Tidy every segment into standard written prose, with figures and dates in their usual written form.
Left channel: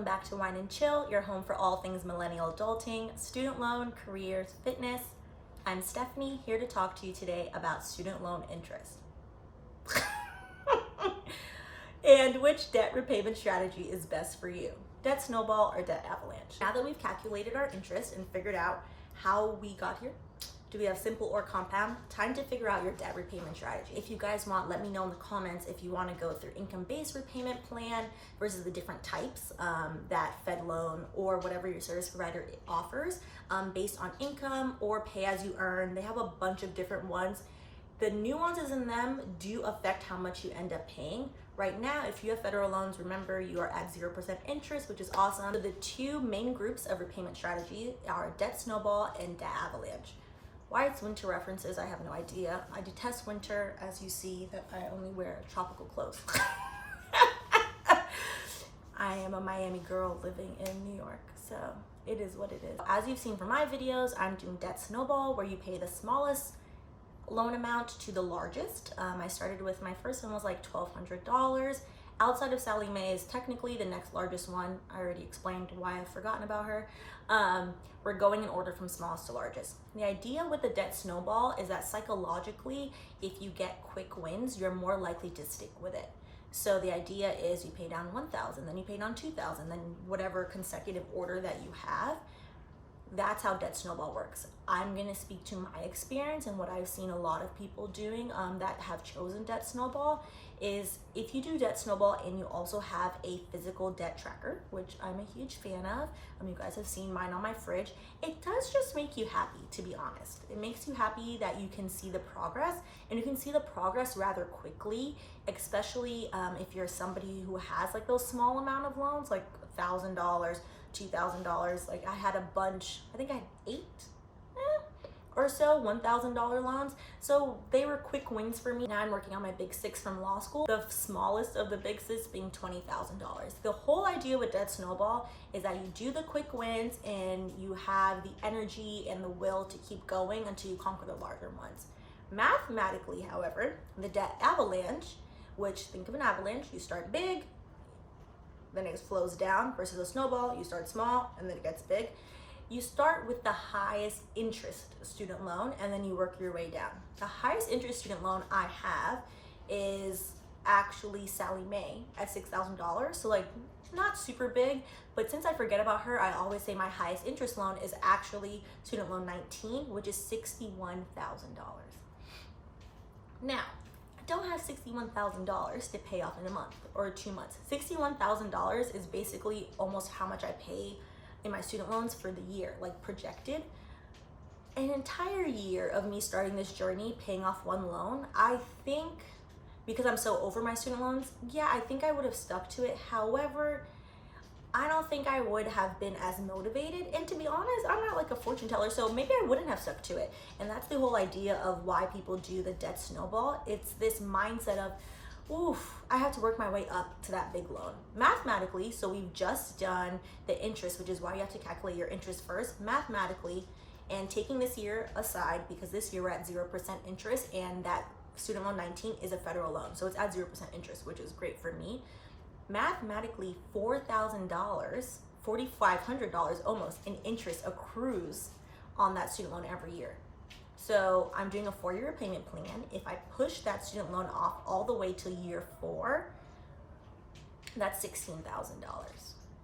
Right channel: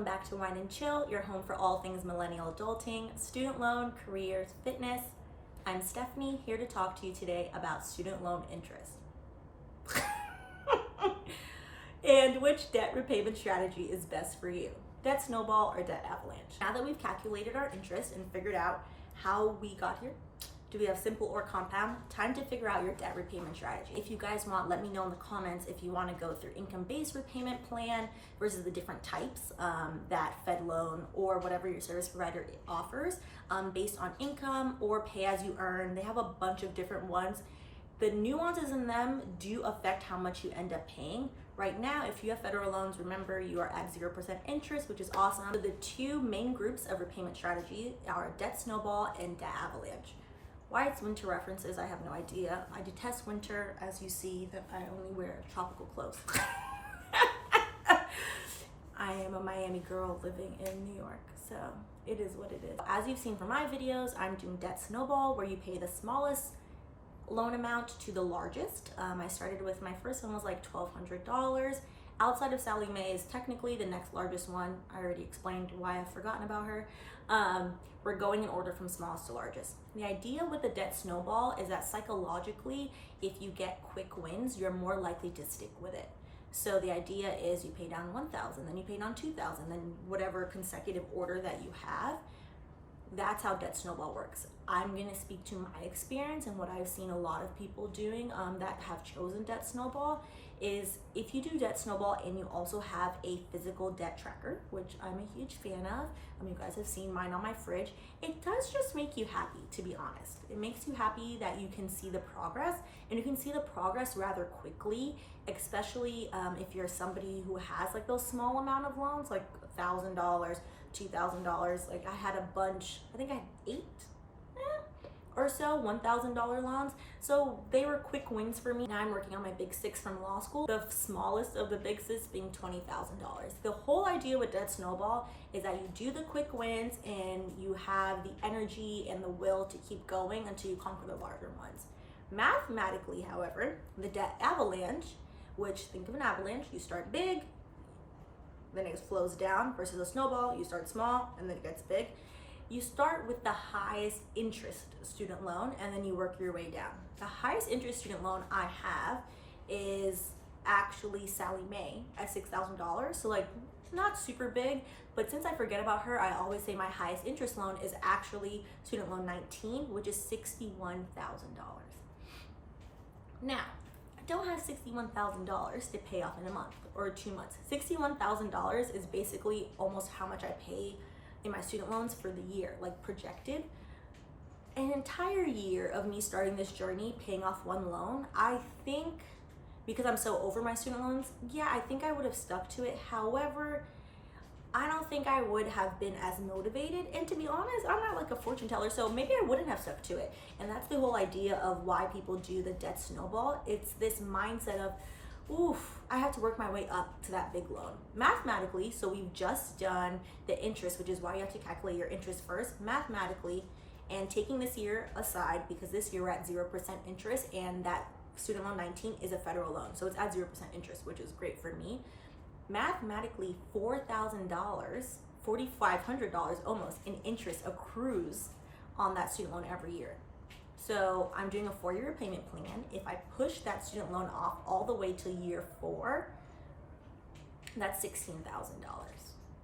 welcome back to Wine and Chill, your home for all things millennial adulting, student loan, careers, fitness. I'm Stephanie, here to talk to you today about student loan interest. And which debt repayment strategy is best for you, Debt Snowball or Debt Avalanche. Now that we've calculated our interest and figured out how we got here, do we have simple or compound? Time to figure out your debt repayment strategy. If you guys want, let me know in the comments if you want to go through income-based repayment plan versus the different types that Fed loan or whatever your service provider offers based on income or pay as you earn. They have a bunch of different ones. The nuances in them do affect how much you end up paying. Right now, if you have federal loans, remember you are at 0% interest, which is awesome. So the two main groups of repayment strategy are Debt Snowball and Debt Avalanche. Why it's winter references, I have no idea. I detest winter, as you see that I only wear tropical clothes. I am a Miami girl living in New York, so it is what it is. As you've seen from my videos, I'm doing Debt Snowball, where you pay the smallest loan amount to the largest. I started with, my first one was like $1,200. Outside of Sally Mae is technically the next largest one. I already explained why I've forgotten about her. We're going in order from smallest to largest. The idea with the Debt Snowball is that psychologically, if you get quick wins, you're more likely to stick with it. So the idea is you pay down 1,000, then you pay down 2,000, then whatever consecutive order that you have. That's how Debt Snowball works. I'm gonna speak to my experience and what I've seen a lot of people doing that have chosen Debt Snowball is if you do Debt Snowball and you also have a physical debt tracker, which I'm a huge fan of. You guys have seen mine on my fridge. It does just make you happy, to be honest. It makes you happy that you can see the progress, and you can see the progress rather quickly, especially if you're somebody who has like those small amount of loans, like $1,000, $2,000. Like I had a bunch, I think I had 8 or so $1,000 loans. So they were quick wins for me. Now I'm working on my big 6 from law school. The smallest of the big 6 being $20,000. The whole idea with Debt Snowball is that you do the quick wins and you have the energy and the will to keep going until you conquer the larger ones. Mathematically, however, the Debt Avalanche, which think of an avalanche, you start big, then it flows down, versus a snowball, you start small and then it gets big. You start with the highest interest student loan and then you work your way down. The highest interest student loan I have is actually Sally Mae at $6,000. So like not super big, but since I forget about her, I always say my highest interest loan is actually student loan 19, which is $61,000. Now, I don't have $61,000 to pay off in a month or 2 months. $61,000 is basically almost how much I pay in my student loans for the year, like projected. An entire year of me starting this journey, paying off one loan, I think, because I'm so over my student loans, yeah, I think I would have stuck to it. However, I don't think I would have been as motivated. And to be honest, I'm not like a fortune teller, so maybe I wouldn't have stuck to it. And that's the whole idea of why people do the Debt Snowball. It's this mindset of, oof, I have to work my way up to that big loan. Mathematically, so we've just done the interest, which is why you have to calculate your interest first. Mathematically, and taking this year aside, because this year we're at 0% interest and that student loan 19 is a federal loan. So it's at 0% interest, which is great for me. Mathematically, $4,000, $4,500 almost in interest accrues on that student loan every year. So I'm doing a 4-year repayment plan. If I push that student loan off all the way to year 4, that's $16,000.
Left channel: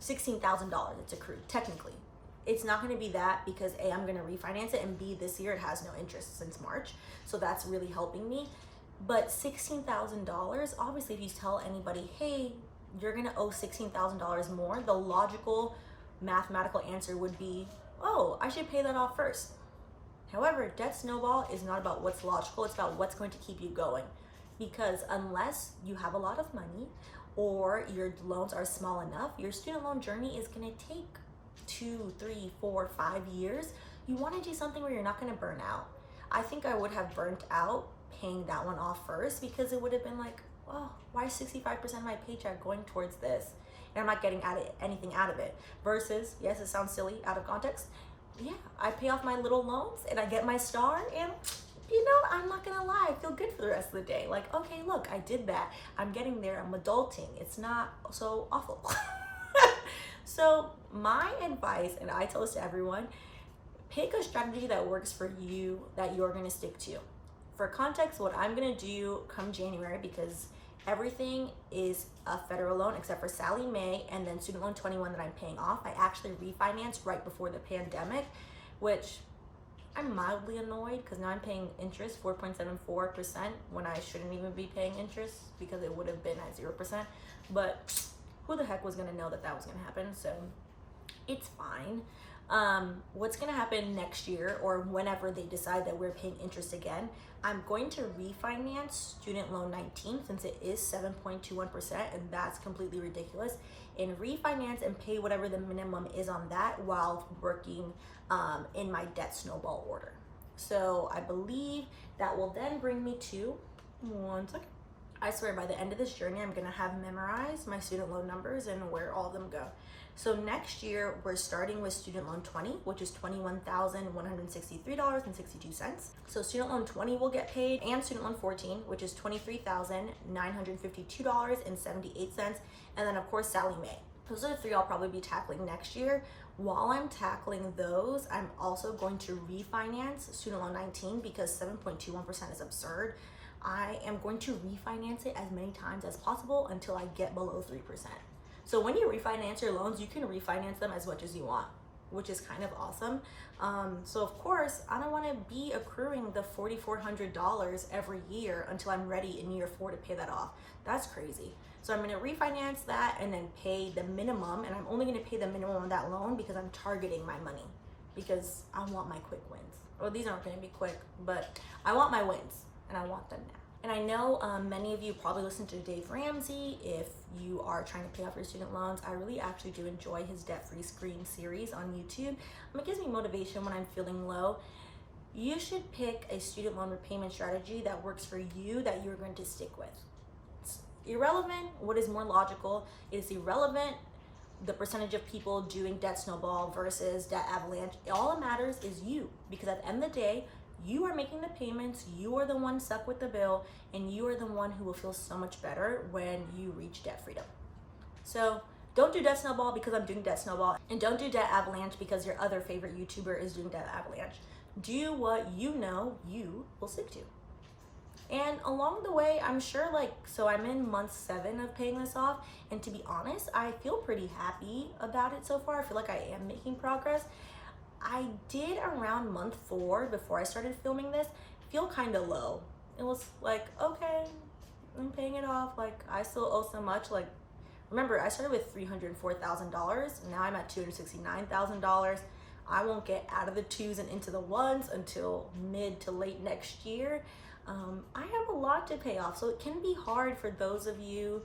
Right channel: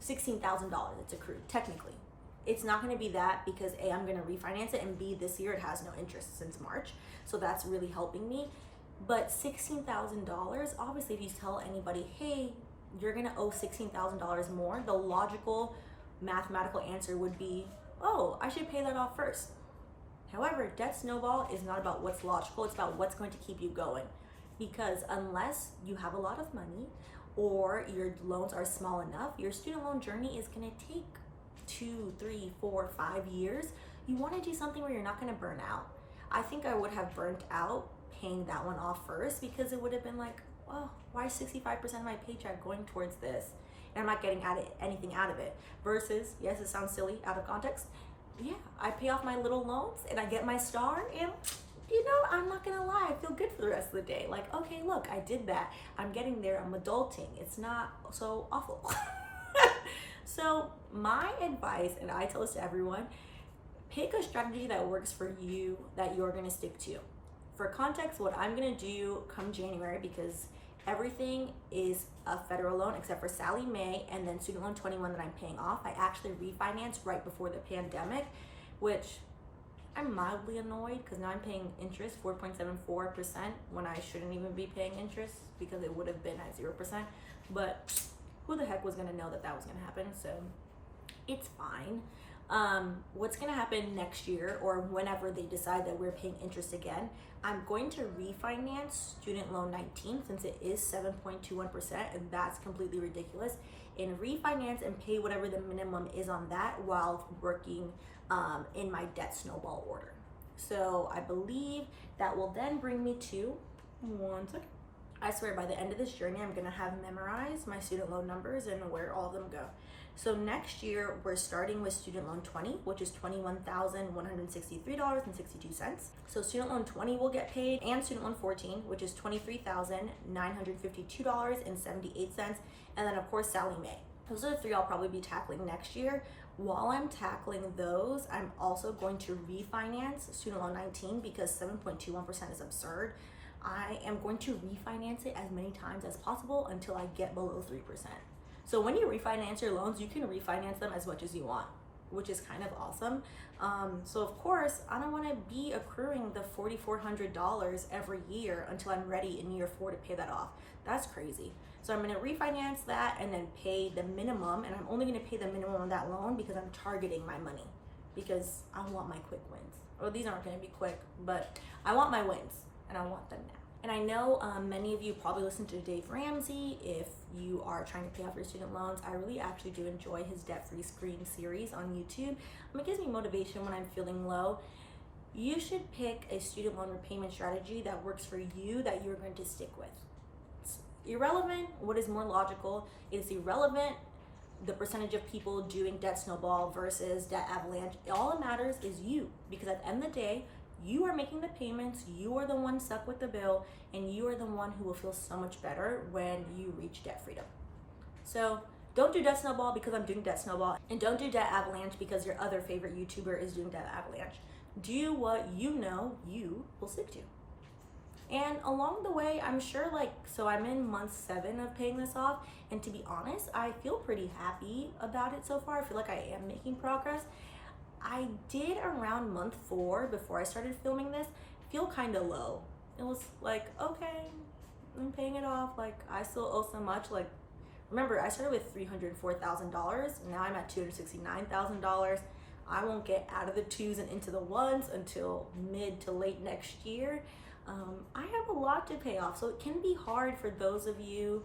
$16,000 it's accrued, technically. It's not gonna be that because A, I'm gonna refinance it, and B, this year it has no interest since March. So that's really helping me. But $16,000, obviously if you tell anybody, hey, you're gonna owe $16,000 more, the logical mathematical answer would be, oh, I should pay that off first. However, Debt Snowball is not about what's logical, it's about what's going to keep you going. Because unless you have a lot of money or your loans are small enough, your student loan journey is gonna take 2, 3, 4, 5 years. You wanna do something where you're not gonna burn out. I think I would have burnt out paying that one off first, because it would have been like, oh, why is 65% of my paycheck going towards this? And I'm not getting anything out of it. Versus, yes, it sounds silly out of context. Yeah, I pay off my little loans and I get my star, and you know, I'm not gonna lie, I feel good for the rest of the day. Like, okay, look, I did that. I'm getting there, I'm adulting. It's not so awful. So my advice, and I tell this to everyone, pick a strategy that works for you that you're gonna stick to. For context, what I'm gonna do come January, because everything is a federal loan except for Sallie Mae and then student loan 21 that I'm paying off. I actually refinanced right before the pandemic, which I'm mildly annoyed because now I'm paying interest 4.74% when I shouldn't even be paying interest because it would have been at 0%. But who the heck was gonna know that that was gonna happen? So it's fine. What's gonna happen next year or whenever they decide that we're paying interest again, I'm going to refinance student loan 19 since it is 7.21% and that's completely ridiculous, and refinance and pay whatever the minimum is on that while working in my debt snowball order. So I believe that will then bring me to, one second, I swear by the end of this journey I'm gonna have memorized my student loan numbers and where all of them go. So next year we're starting with student loan 20, which is $21,163.62. So student loan 20 will get paid, and student loan 14, which is $23,952.78, and then of course Sallie Mae. Those are the three I'll probably be tackling next year. While I'm tackling those, I'm also going to refinance student loan 19 because 7.21% is absurd. I am going to refinance it as many times as possible until I get below 3%. So when you refinance your loans, you can refinance them as much as you want, which is kind of awesome. So of course, I don't want to be accruing the $4,400 every year until I'm ready in year 4 to pay that off. That's crazy. So I'm going to refinance that and then pay the minimum, and I'm only going to pay the minimum on that loan because I'm targeting my money because I want my quick wins. Well, these aren't going to be quick, but I want my wins and I want them now. And I know many of you probably listen to Dave Ramsey if you are trying to pay off your student loans. I really actually do enjoy his debt-free screen series on YouTube. It gives me motivation when I'm feeling low. You should pick a student loan repayment strategy that works for you, that you're going to stick with. It's irrelevant what is more logical. It is irrelevant the percentage of people doing Debt Snowball versus Debt Avalanche. All that matters is you, because at the end of the day, you are making the payments, you are the one stuck with the bill, and you are the one who will feel so much better when you reach debt freedom. So don't do Debt Snowball because I'm doing Debt Snowball, and don't do Debt Avalanche because your other favorite YouTuber is doing Debt Avalanche. Do what you know you will stick to. And along the way, I'm sure so I'm in month 7 of paying this off, and to be honest, I feel pretty happy about it so far. I feel like I am making progress. I did around month 4, before I started filming this, feel kind of low. It was like, okay, I'm paying it off. I still owe so much. Remember, I started with $304,000. Now I'm at $269,000. I won't get out of the 2s and into the 1s until mid to late next year. I have a lot to pay off, so it can be hard for those of you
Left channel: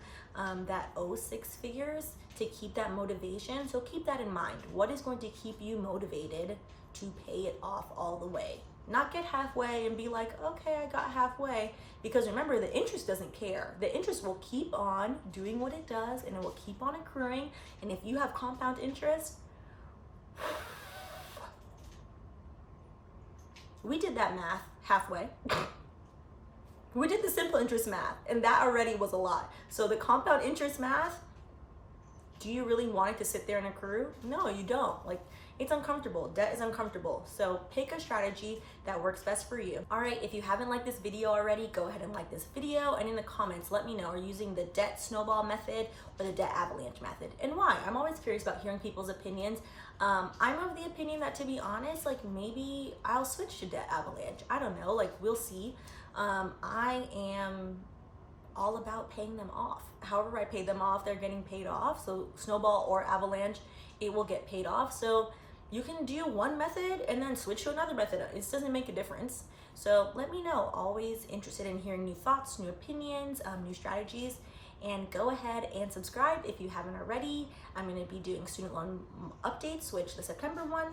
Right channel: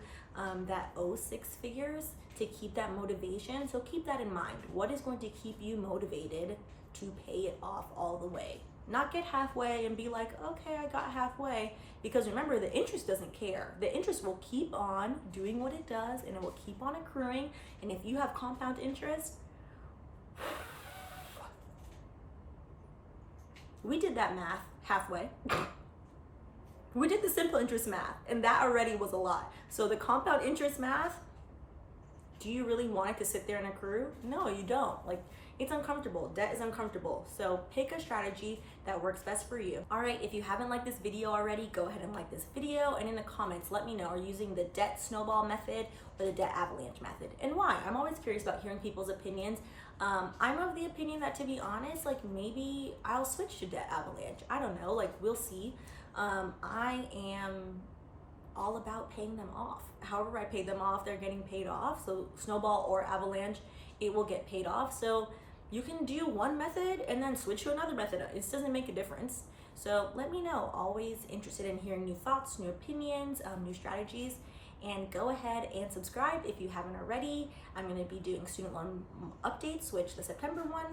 that owe 6 figures to keep that motivation. So keep that in mind. What is going to keep you motivated to pay it off all the way? Not get halfway and be like, okay, I got halfway. Because remember, the interest doesn't care. The interest will keep on doing what it does, and it will keep on accruing. And if you have compound interest, we did that math halfway. We did the simple interest math, and that already was a lot. So the compound interest math, do you really want it to sit there and accrue? No, you don't. It's uncomfortable. Debt is uncomfortable. So pick a strategy that works best for you. All right, if you haven't liked this video already, go ahead and like this video, and in the comments, let me know, are you using the Debt Snowball method or the Debt Avalanche method, and why? I'm always curious about hearing people's opinions. I'm of the opinion that, to be honest, maybe I'll switch to Debt Avalanche. I don't know, we'll see. I am all about paying them off. However I pay them off, they're getting paid off. So Snowball or Avalanche, it will get paid off. So you can do one method and then switch to another method. It doesn't make a difference. So let me know. Always interested in hearing new thoughts, new opinions, new strategies. And go ahead and subscribe if you haven't already. I'm going to be doing student loan updates, which the September one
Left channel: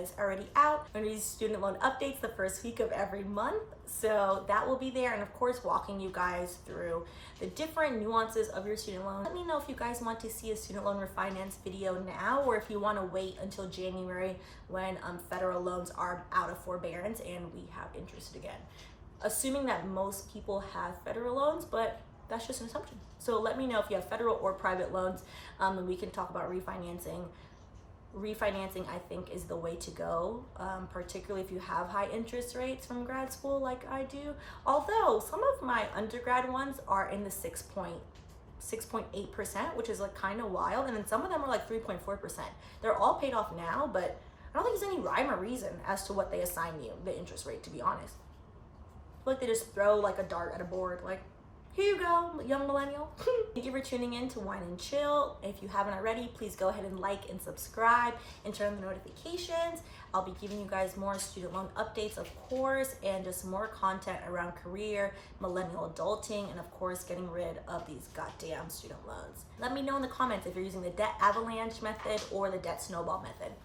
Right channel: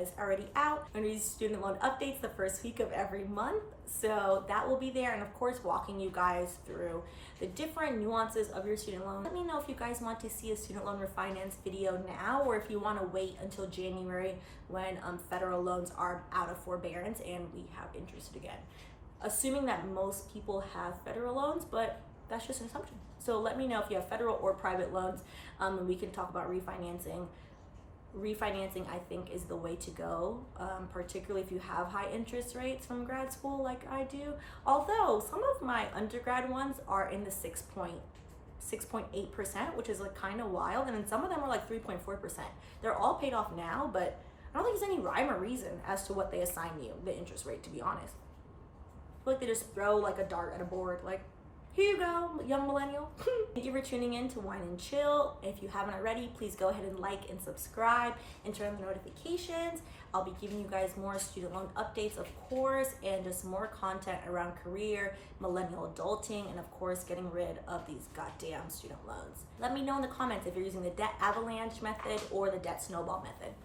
is already out. I'm going to do student loan updates the first week of every month. So that will be there. And of course, walking you guys through the different nuances of your student loan. Let me know if you guys want to see a student loan refinance video now, or if you want to wait until January when federal loans are out of forbearance and we have interest again. Assuming that most people have federal loans, but that's just an assumption. So let me know if you have federal or private loans, and we can talk about refinancing. Refinancing, I think, is the way to go, particularly if you have high interest rates from grad school like I do. Although some of my undergrad ones are in the 6.8%, which is like kind of wild, and then some of them are like 3.4%. They're all paid off now, but I don't think there's any rhyme or reason as to what they assign you, the interest rate, to be honest. I feel like they just throw like a dart at a board, like, here you go, young millennial. Thank you for tuning in to Wine and Chill. If you haven't already, please go ahead and like and subscribe and turn on the notifications. I'll be giving you guys more student loan updates, of course, and just more content around career, millennial adulting, and of course, getting rid of these goddamn student loans. Let me know in the comments if you're using the Debt Avalanche method or the Debt Snowball method.